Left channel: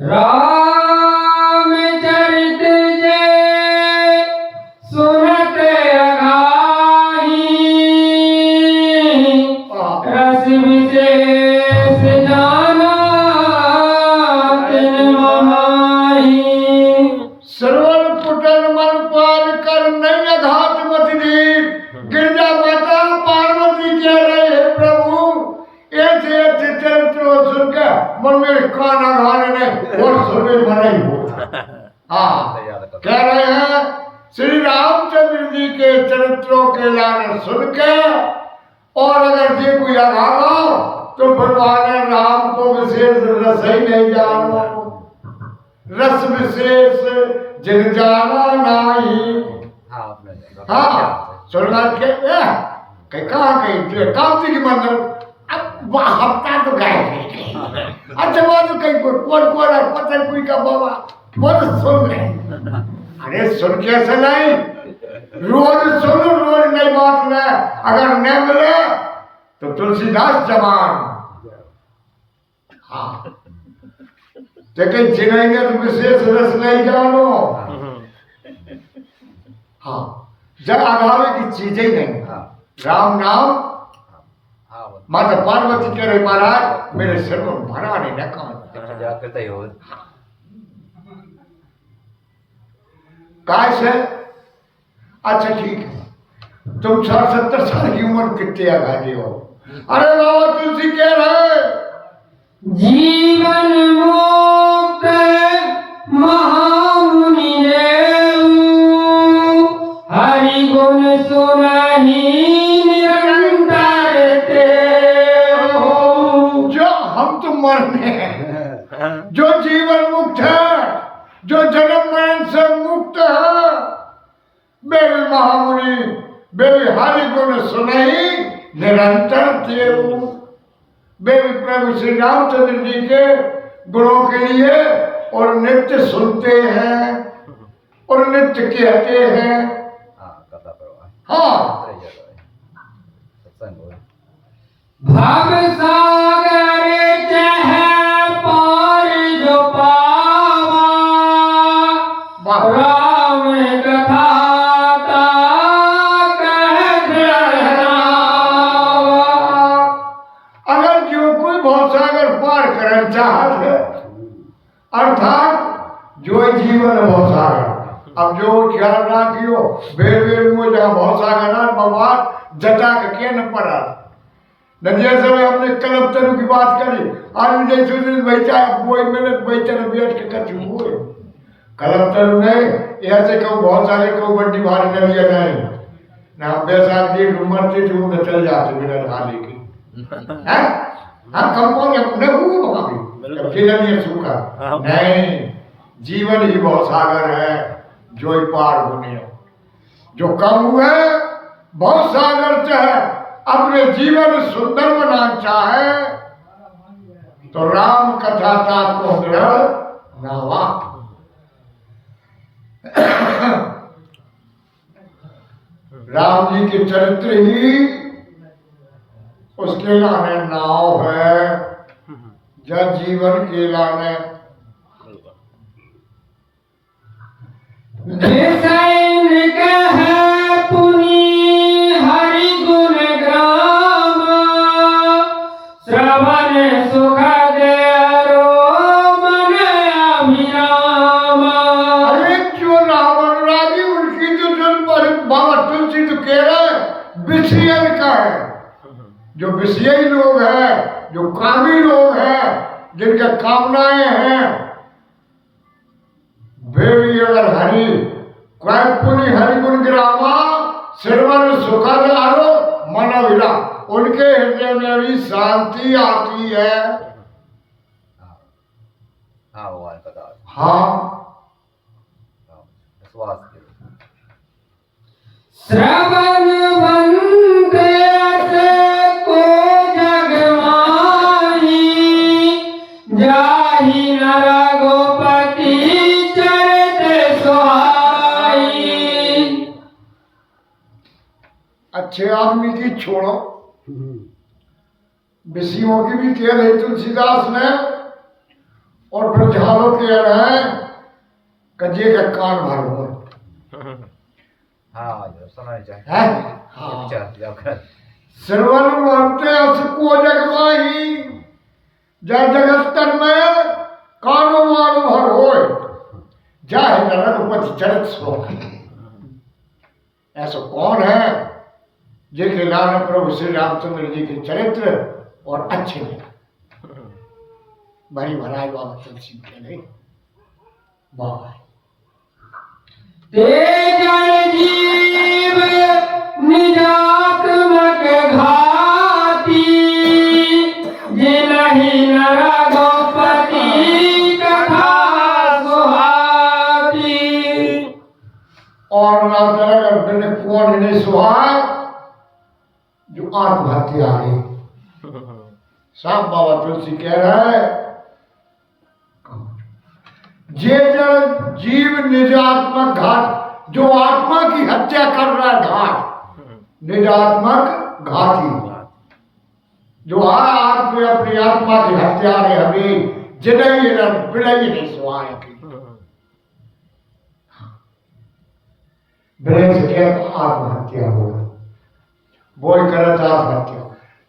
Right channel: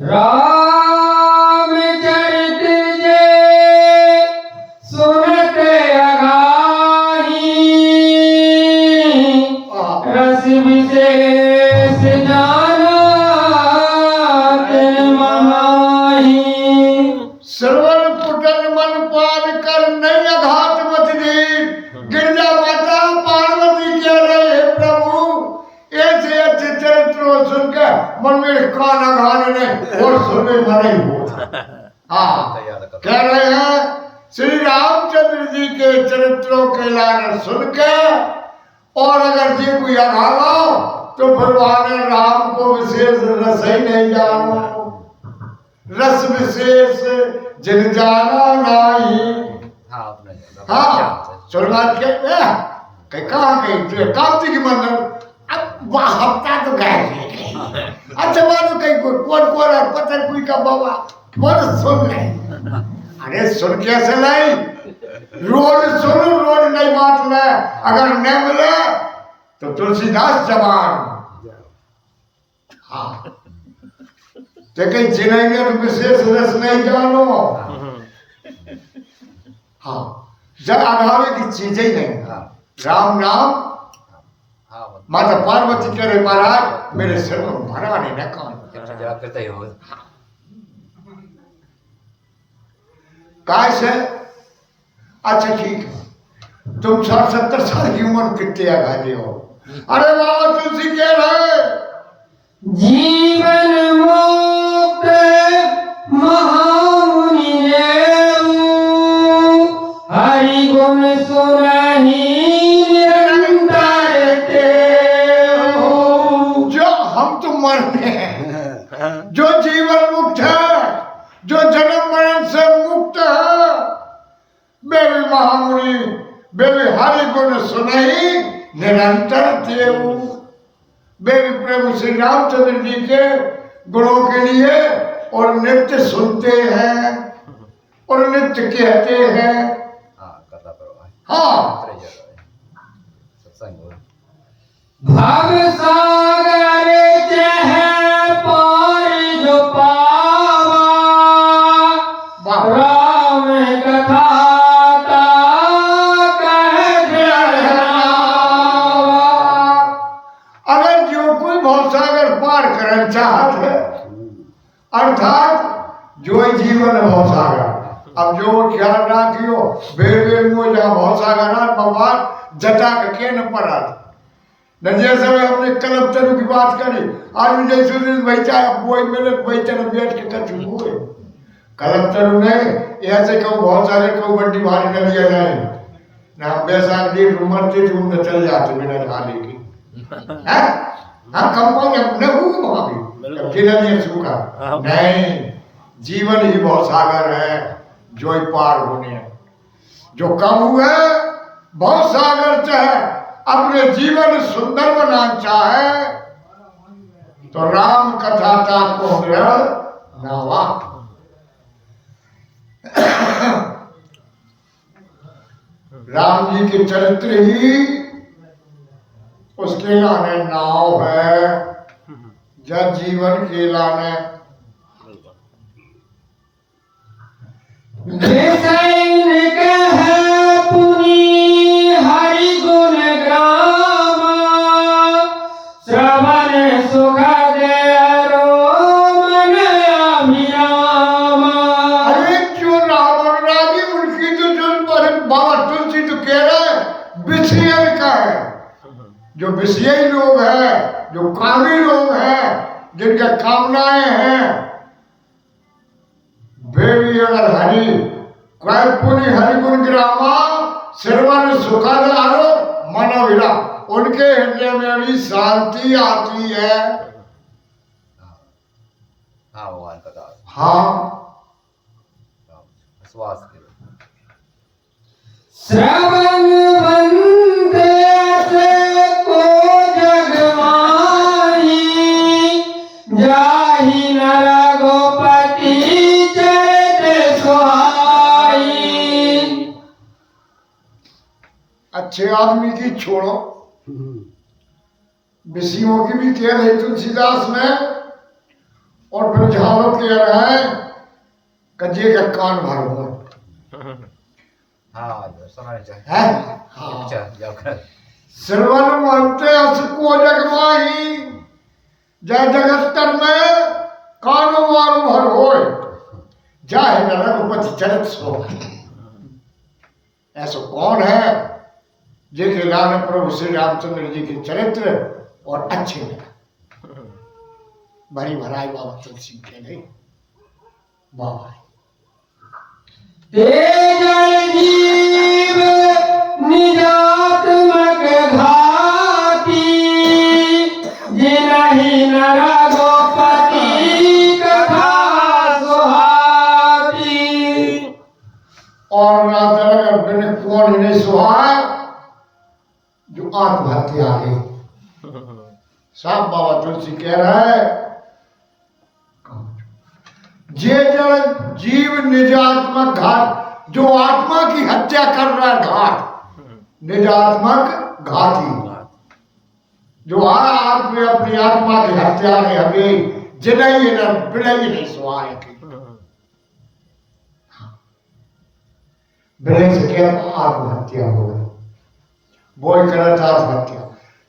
रामचरित जे सुनत अघाही रस विशेष जाना तिन माही। श्रवण पुटन मन पाल कर नहीं अघात मत दीन। गिरजा माता पार्वती कह रहे हे प्रभु ऐसे अच्छे चरित्रों सुनकर मन में कान अघाने नहीं और सुनने मना ही हो। हाँ कह रहे हैं श्री रामचंद्र जी के चरित्रों के लाने सुनकर और अगर जी कोई अघाना तो भगवान राम को विशेष रस ही नहीं जानो। रस विशेष जिन जाना नाही। हाँ सुनना के कहाँ कहीं कामती की मंदिर अब वह हफ्ता तो गए। अच्छा बात तो कहीं कौन कौन है पता कोई का बाबा बहुत सुन नहीं। अरे सुन कैसे नहीं रोज सुन रोज नहीं बात ले अगर नहीं मिले तो तुलसीदास जवान। हाँ तो कहीं जिनेंगे तो विशेष रस नहीं जानो। हाँ जब अघावे की चीजें ही नहीं। राम नाम माता पार्वती कह रहे महाराज मेरे सिर में भरा नहीं ना काम कैसे। अच्छा ठीक है तुम 60-70 साल की उम्र कितने आगे हो। अरे बाबा तुलसी कह रहे जीवन मुक्त महामुनि हरि गुण सुनहि निरंतर देहु। जो हम तो मरने हैं जो जीवन मुक्त है जो जन्म मरण से मुक्त है वे भी महामुनि वे भी हरि गुण सुनहि निरंतर देहु। वे भी प्रभु श्री रामचंद्र जी के गुणों के लिए और नित्य सुनते हैं और नित्य कहते हैं। हाँ भव सागर चह पार जो पावा राम कथा करना चाहत है अर्थात जो जीवन भवसागर। अब जो ख्याल रखियो बेर बेर मुँह जहाँ भवसागर भगवान जटा के न पड़ा न जैसे हमने कलम तरु की बात करी आज भी जैसे बैठा बोई मिले बैठे न बैठ के कछु हुए कलम तरु नहीं ऐसे कहूँ बहुत सारे कहूँ बड्डी भारी न लिया जाए ना हम बैसाख जी मरते थे उनसे चल जाते बिना झाले के। हाँ कंपाउंड न हुए वहां भी नहीं सूखा नहीं जीवन ही बहुत सागर है जो ही पार होने जो कम हुए बहुत सागर चाहे अपने जीवन सुंदर बनाना चाहे तो राम कथा को नावा। राम जी के चरित्र ही उसके लाने नाव है जब जीवन के लाने हरि गुण ग्राम श्रवण सुख मन अभिराम। अरे जो रावण राजी उनकी तो बाबा तुलसी तो कह रहे विषयन का है जो विषयी लोग हैं जो कामी लोग हैं जिनके कामनाएं हैं वे भी अगर हरि पुनि हरि गुण ग्रामा श्रवण सुखद आरो मन विरा उनके हृदय में भी शांति आती है। हाँ श्रवण वंदे को जगवाही जाहि नर गोपति चरित सुहाई। अच्छे आदमी की छोड़ो विषयों की भी कह रही तुलसीदास ने और फिर झालों कह रहे हैं कजे का कान भर हो हाँ जो सुनाई चाहिए है हाँ चल जाओ कर श्रवण महते असको जगमाही जय जगस्तर में कानो मारो भर होय जाहे न रघुपति चरित सो ऐसा कौन है जिनके लाल प्रभु श्री रामचंद्र जी के चरित्र और अच्छे लगा भरी भराई बाबा तुलसी के नहीं बाबा तेजल जीव निजात्मक घाती जिनहि नर गोपति कथा सुहाती। और ना तरह बिन कौन ही नहीं सुहाए जो आत्महत्या आ गई साहब बाबा तुलसी कह रहा है जे जड़ जीव निजात्मक घात जो आत्मा की हत्या कर रहा है घात निजात्मक घाती जो आत्मा अपनी आत्मा की हत्या है अभी जिनई बिड़ई नहीं सुहाए बिड़ई से कहता आत्महत्या हो गई बोल करत आत्महत्या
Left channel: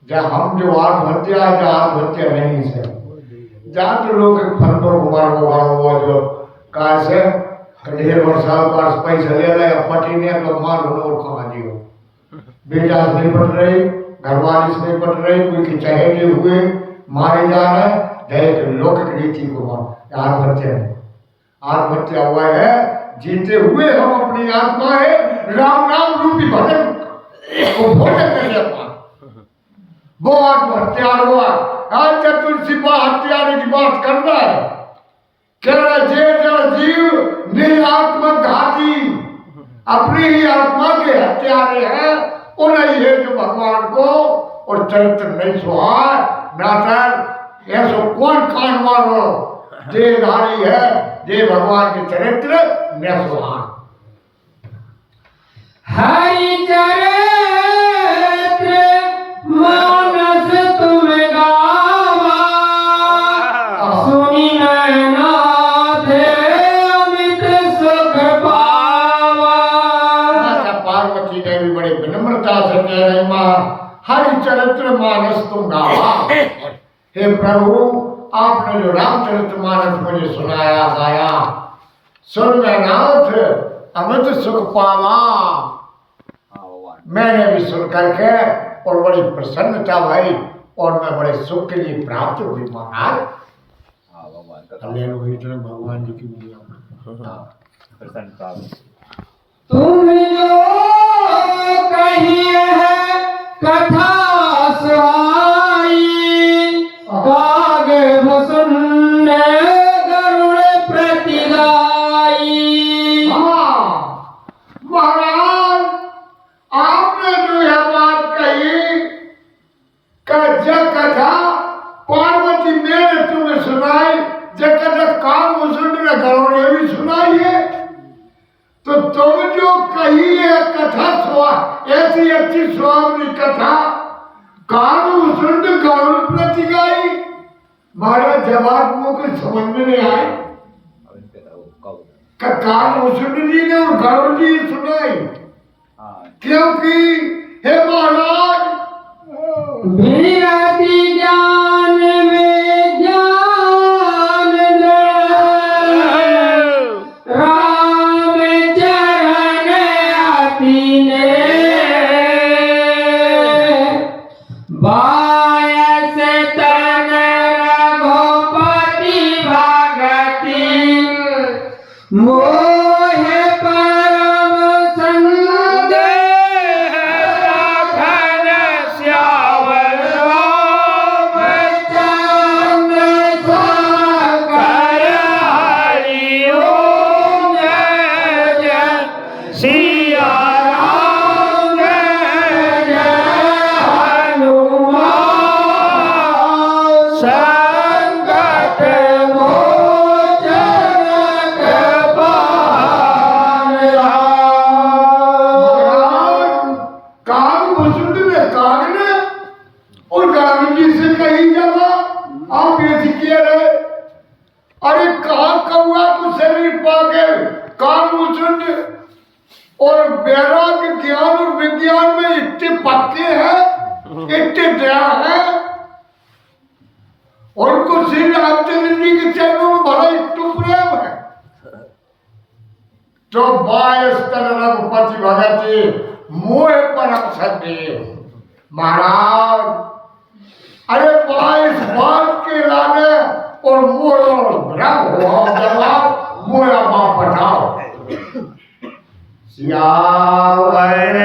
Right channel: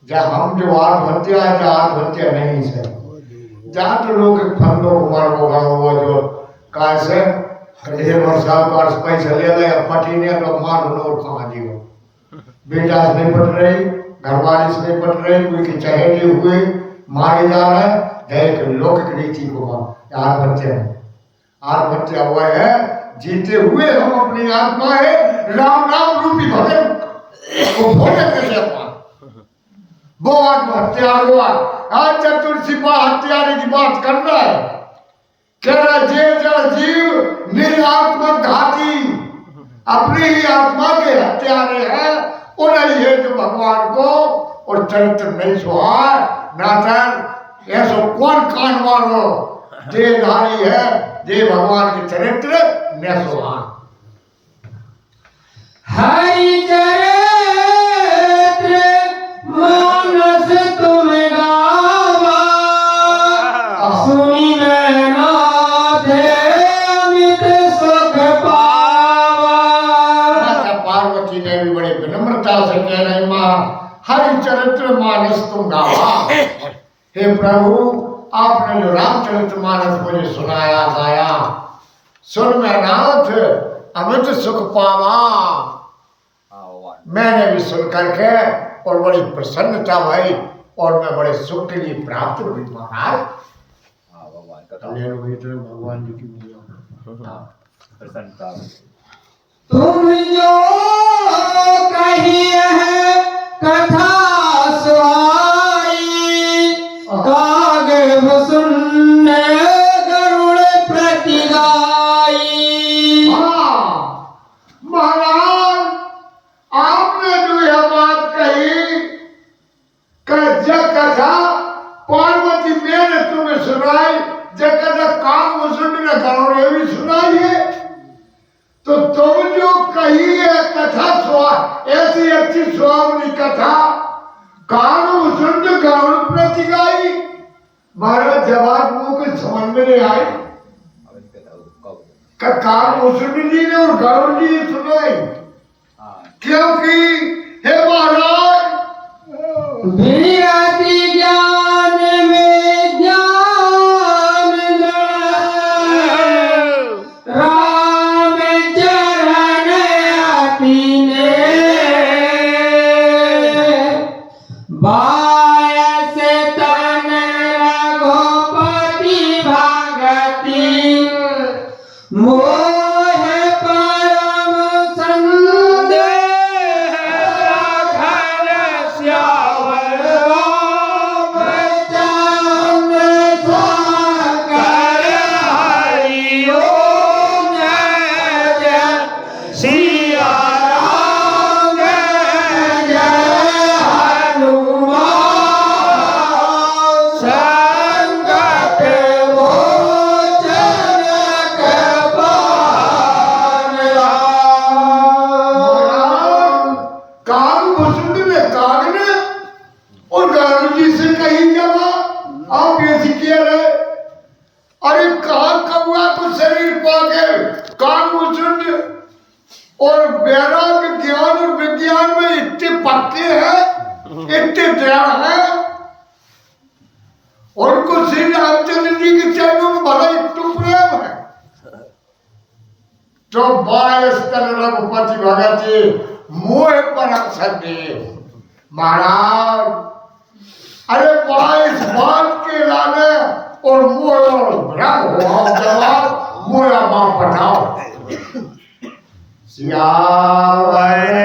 जब हम जो आत्महत्या है जहाँ आत्महत्या नहीं सर जहाँ तो लोग फंदों कुमार को गाँव हुआ जो कहा से ढेर वर्षा पास पैसा ले ले पटी ने तो मार और खा दियो बेटा से नहीं पट रही घरवाली से नहीं पट रही कोई के चहेटे हुए मारे जा रहे एक लौकिक रीति को आत्महत्या हुआ है जीते हुए हम अपनी आत्मा है राम नाम रूपी भजन को भोजन कर लेता वो आत्महत्या हुआ आज तुलसी हत्यारे की बात कर रहा है कह रहा जे जड़ जीव निरात्मक घाती अपनी ही आत्मा के हत्यारे हैं उन्हें ये जो भगवान को और चरित्र नहीं सुहार नातर ऐसा कौन कान मारो देहधारी है जे भगवान के चरित्र न सुहार हरि चरित्र मानस तुम गावा सुनी नाथ अमित सुख पावा। पार्वती ने भी बड़े विनम्रता से कह रही माँ हरि चरित्र मानस तुम गावा हे प्रभु आपने जो रामचरित्र मानस मुझे सुनाया गाया सुन मैं नाथ अमित सुख पावा मैंने भी सुन करके और बड़ी प्रसन्नता भाई और मैं बड़े सुख के लिए प्राप्त हुई महाराज भगवान कथा भगवान जी की प्रसन्नता तुम जो कहिए है कथा सुहाई काग सुनने गरुड़ प्रतिगाई। महाराज आपने जो यह बात कही जब कथा पार्वती ने तुम्हें सुनाई जब कथा कान मुसुंड ने गरुड़ भी सुनाई है तो तुम जो कही है कथा ऐसी अच्छी स्वामी कथा कान मुसुंड गरुड़ प्रतिगाई महाराज जवाब मुंह को समझ में नहीं आई कान मुसुंड जी ने और गरुड़ जी सुनाई क्योंकि हे महाराज विरति ज्ञान में ज्ञान राम चरण अपने बायस तन रघुपति भगति मोह परम संदेह राखन श्यावर रामचंद्र साकर हरि ओम जय जय सिया राम जय जय हनुमान संकट मोचन कृपाल कृपा के कान शुद्ध और वैराग्य ज्ञान और विज्ञान में इतने पक्के हैं, इतने दया है, उनको श्री रामचंद्र जी के चरणों में भला इतने प्रेम है। तो 22 तन रघुपति भगत जी मोह पर सदे महाराज, अरे 22 बात के लाने और मोह और भ्रम हो जवाब मोह बाप बताओ। सियावर